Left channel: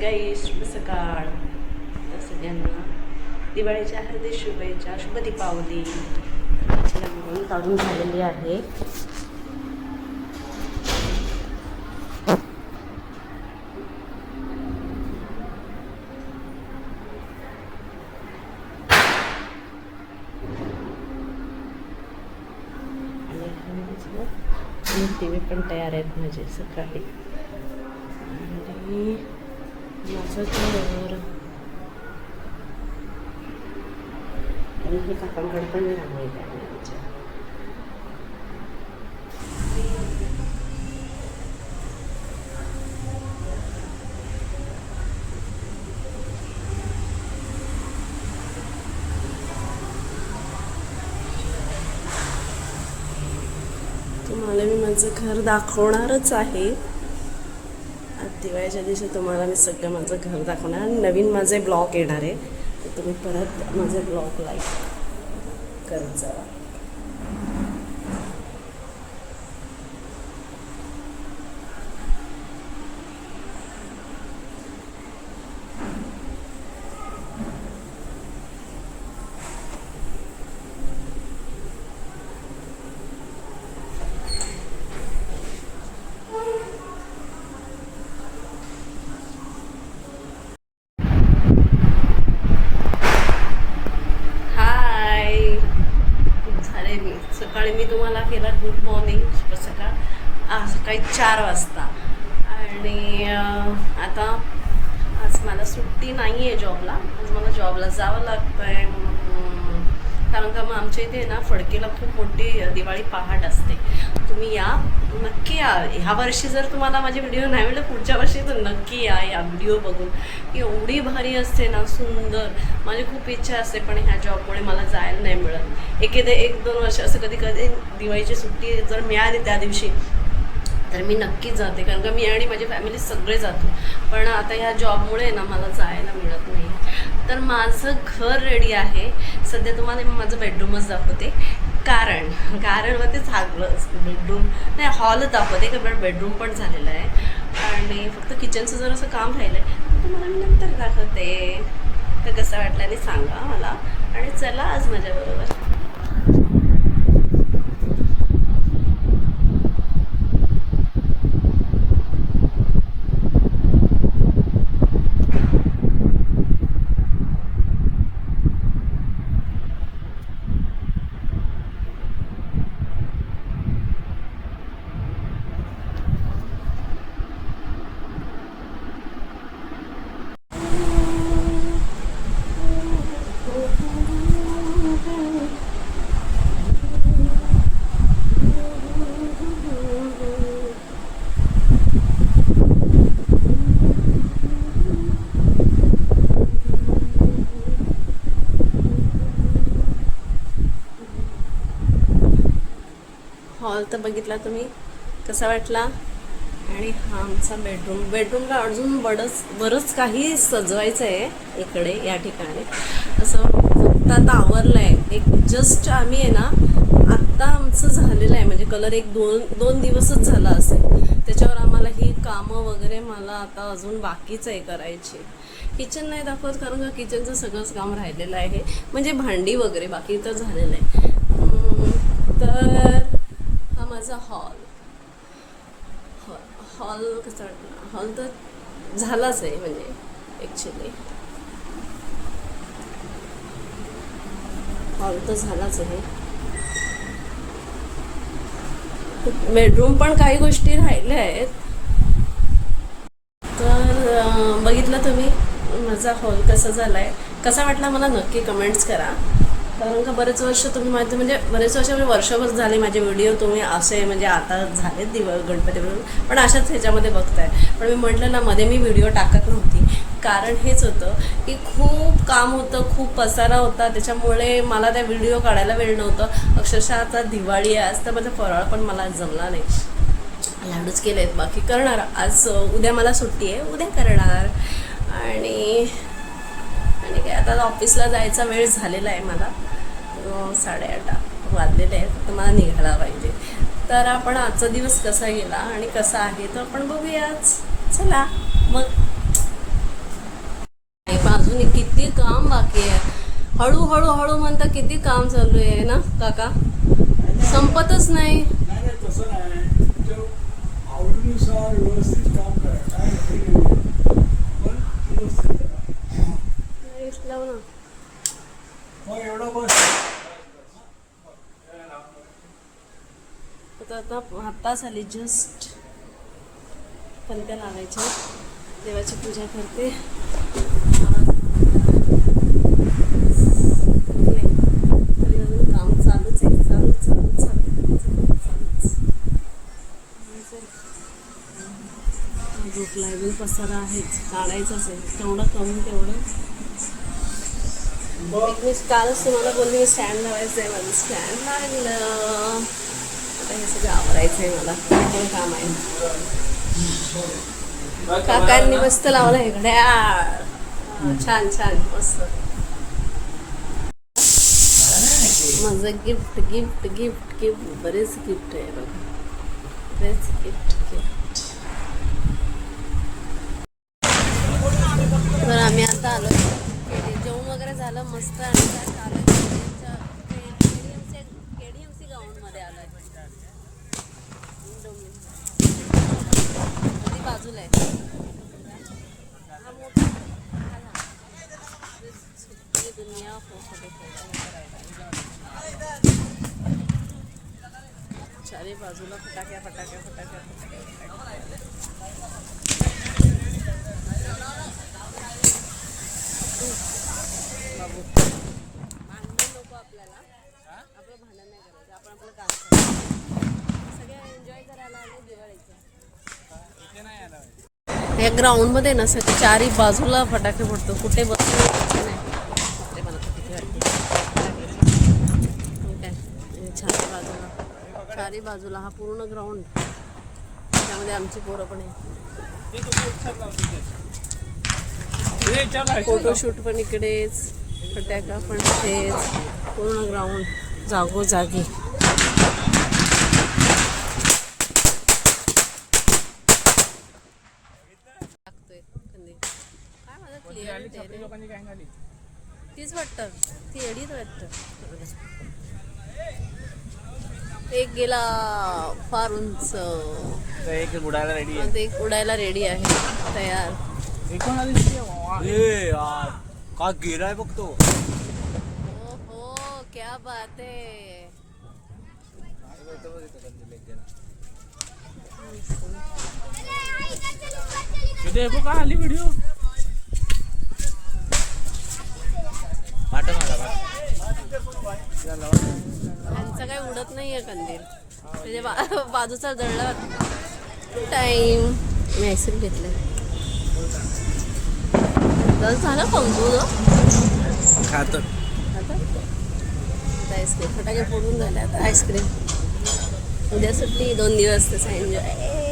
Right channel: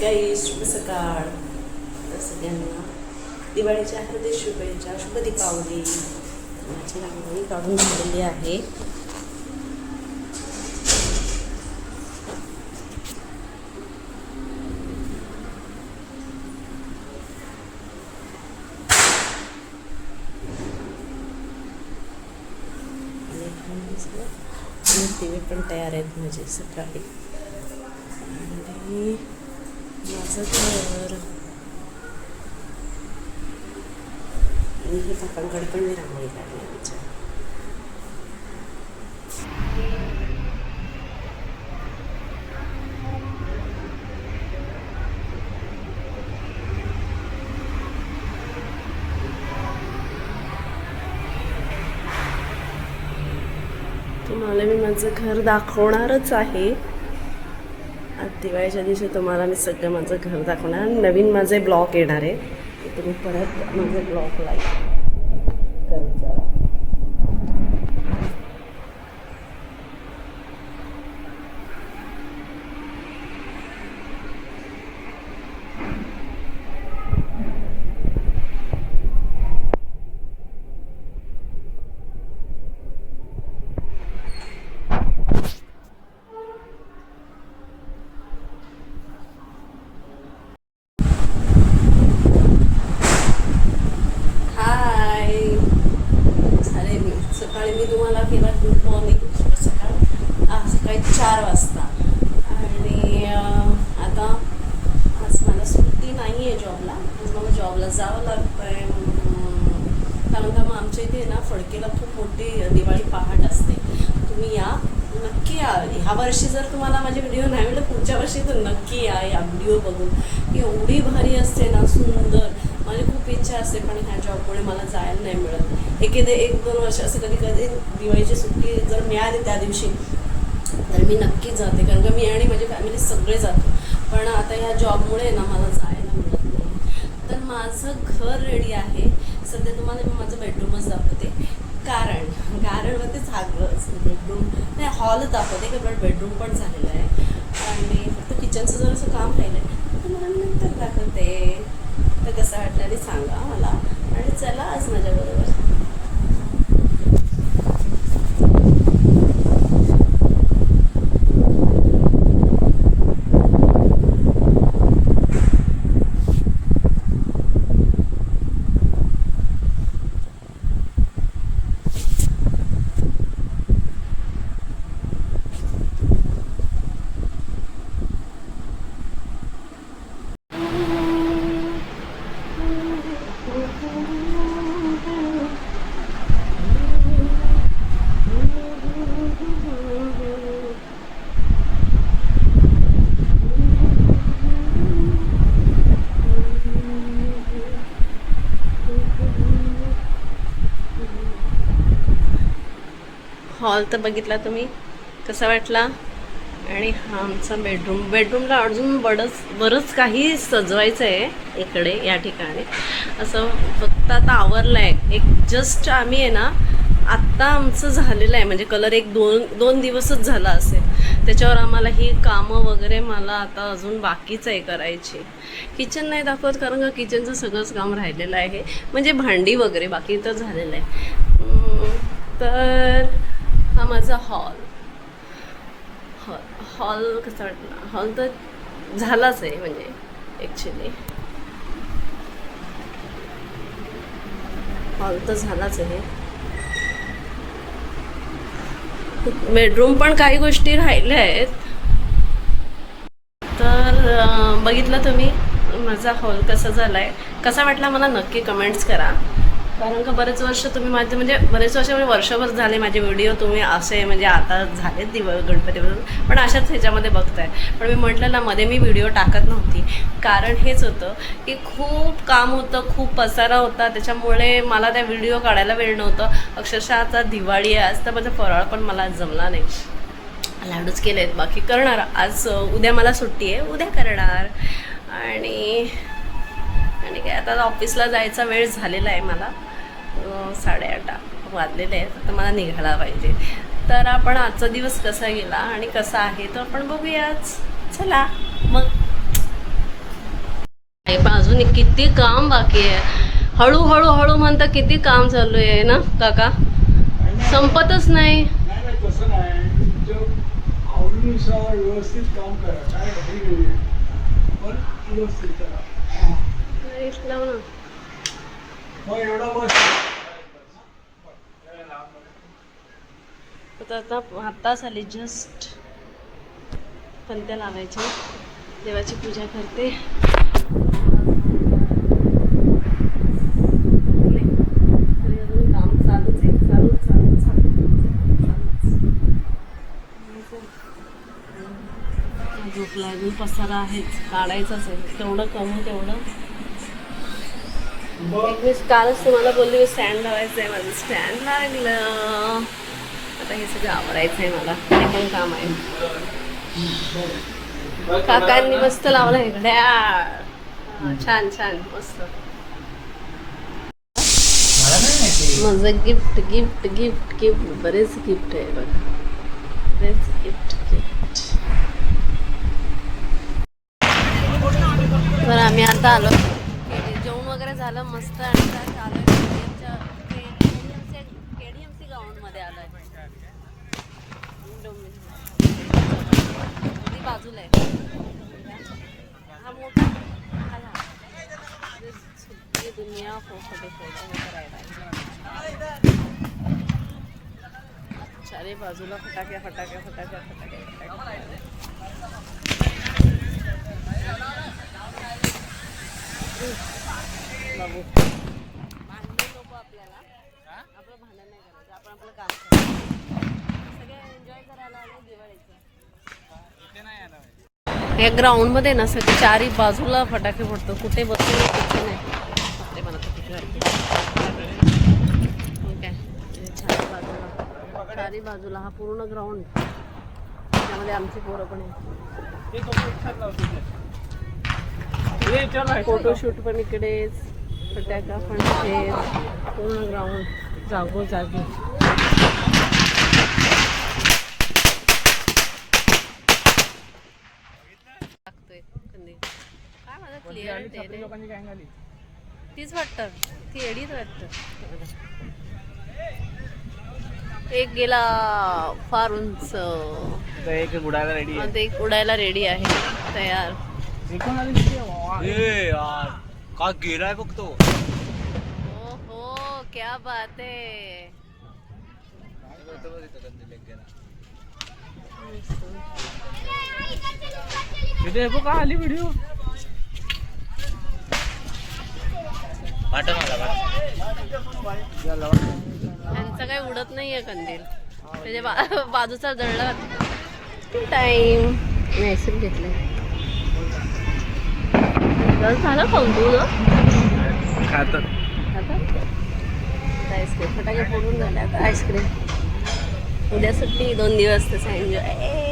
गाई शुभ सकाळ. तर सगळ्यांना दिवाळीच्या हार्दिक शुभेच्छा. शुभ दीपावली. माझी रांगोळी काढून झालेली आहे. आणि दिवे पण तयार आहेत माझे सकाळी. आणि माझं घर आणि हे काकांकडे पण मी रांगोळी काढली आमच्या. तुम्हाला मी माझं घर दाखवणारच आहे. आज दिवाळीच्या दिवशी तुम्हाला मी सगळं माझं घर दाखवणार. नवीन माझे ब्लॉग येणार आहे, तर तुम्ही परत माझं ब्लॉग लाईक करत जा. सकाळी मी तुम्हाला केला गुड मॉर्निंग, शुभ सकाळ. सकाळी 4 वाजता. आणि आता आज मला सुट्टी नाही आहे जॉबला. आज मला जॉबला जावं लागतं आहे, कारण का मग आमच्या इथे ना फडकेला खूप मोठी दिवाळी पहाट असते. तुम्ही या, नक्की या. ह्या वर्षी जर तुम्हाला माझे व्हिडिओ नाही मिळाले, पुढच्या वर्षी तर नक्की या व्हिडिओ बघून. एवढी भारी असते ना, सुंदर. माझी खूप इच्छा असते, पण ह्या जॉबमुळे मला जायला नाही मिळत. 1-2 वर्ष असं कधी कधी दिवाळीची सुट्टी जर मिळाली त्या दिवशी तर मी नक्कीच जाते, कारण का मी आणि माझी फॅमिली सगळे जातो. पण आता ह्या जॉबमुळे ना मला जायला मिळत नाही. तर माझं घर रेडी आहे. सध्या तुम्हाला मी माझं बेडरूमच दाखवते, कारण मग ते झालं बेडरूम नाही, हॉलच दाखवते का, बेडरूम पण झालेलं आहे. आणि फक्त किचनचं जर असं काम राहिलं आहे, तर मला मी नंतर दाखवते. तर कसं वाटलं आणि सांगा मला. आणि चला आज माझ्याबरोबर. हॉल तर बघितला तुम्ही, कसा वाटला. आणि हा आमचा बेडरूमला अजून बरंच काही सजवायचं आहे इकडे या ठिकाणी. असं फक्त आता आवरलं आहे. एक जस्ट आम्ही आहे ना, आत्ता आमचं झालेलं आहे, म्हणजे कलर 1-2 दिवसच झाला असेल. त्याच्यावर आम्हाला ही कामं वगैरे मला आता अजून बाकीच आहे करायची. किचन नाही दाखवत, कारण का किचनचं सगळंच काम राहिलेलं आहे, म्हणजे भांडी वगैरे बाकी तर झालेलं आहे. तर हा माझा हॉल कसा वाटला. हॉल तर झालाच आहे, म्हणजे ॲक्च्युली हॉल तर झालाच आहे. बेडरूम पण काही गोष्टी राहिल्या आहेत. तर बघितलं तुम्ही माझा हॉल कसा झाला आहे, कसा वाटला मला नक्की कमेंट्स करा. कारण का बरेच वर्ष तुम्ही माझे, म्हणजे बरेच वर्ष म्हणजे वर्षभर झाले माझे व्हिडिओ तुम्ही असे, म्हणजे आता झालेत गणपतीपासून, पण अशाच ह्याच्यामध्ये बघताय. पण मी म्हटलं ना, मध्ये मी व्हिडिओ टाकत नव्हती, कारण हेच होतं की खूप काम होतं, खूप पसारा होता. त्याच्यामुळे मला त्या व्हिडिओ काढायला वेळ नव्हतं. अक्षरशः आता दिवाळी आहे, आज तर माझा फराळ पण मला जमला नाही. लाडूच केले आहेत, बाकी करणार आज. उद्या मला सुट्टी आहे, उद्या करणार. आणि काय आता ऑफिसला जायचा वेळ झालेला आहे मला. 8:30 वाजलेले आहेत, आता मला निघायला पाहिजे. तर आपण आजचा दिवस कसा गेला आणि कसा आहे तो आपण बघूयाच. चला मग. पण अजून किती काम बाकी आहे. हळूहळू हळू म्हणता किती काम चालू आहे ना काका, संपतच नाही. तसं नाही, तुमच्या आवडीनुसार व्यवस्थित काम करा. काय पण व्यवस्थित करा. लाव ना मग एवढं बस. आता आत्ताच आली जस्ट. पंत्या लावायच्या, देवाची पूजा करते. काम चालूच आहे, चालूच. झोप लागून पसारा आहेच, काढायचंच आहे. तेवढं कमी तेवढं. मी कालच तुम्हाला बोलली स्टँड लावायचं आहे. माझं स्टँड लागलं. आता हे सगळं आवरायचं आहे मला, हे पण काम आहे. काकांनी मस्त लावलं आहे घड्याळ. छान मस्त. माझं गिफ्ट बरेच गिफ्ट आहे बघा, बरेच गिफ्ट. तर आम्ही आता आलो, जेवण वगैरे झालं मस्त. आणि आलो KDMC ग्राउंडमध्ये आलो आहे. ती बाजूला आहे हा मोठा दुनिया चारे बाजूला फटाक्या. लोक आपल्याला आपलं भांडण नाही करायचं, आपण आपलं काम करायचं. सगळे एन्जॉय करायला आले दिवाळीचं. या ग्राउंड मध्ये ना सगळे चारी बाजूला फटाके फोडतो. कुठे बसून नाही. बापरे, मला तर किती वाटते. चारी बाजूला हा पूर्ण ग्राउंड, त्यामध्ये आमची पोरं पण आहे. फोटोशूट पण इकडेच, फटाका पण इकडेच, पूर्ण ग्राउंड जागोजागी. टाकतोय कंदी काय माझा क्लिअर तीच वाटतं, ती एडीच वाटतं. एक गेला फार उंच, एक उडायला रेडी आहे. एक उडायला रेडी आहे, तयार. का गिराय बघतो. हो क्या बात आहे. देखो का आली व्हिडिओ. त्यांचं काही उडत नाहीये कंदील, त्याच्या बाजूचा जळला. टाइम मी आईस्क्रीम घेतलंय. झालं खाऊन तू ना खात आईस्क्रीम. फटाके फोडून झाले, आता आईस्क्रीम. उद्या सुट्टी, 2 दिवस तसं एन्जॉय.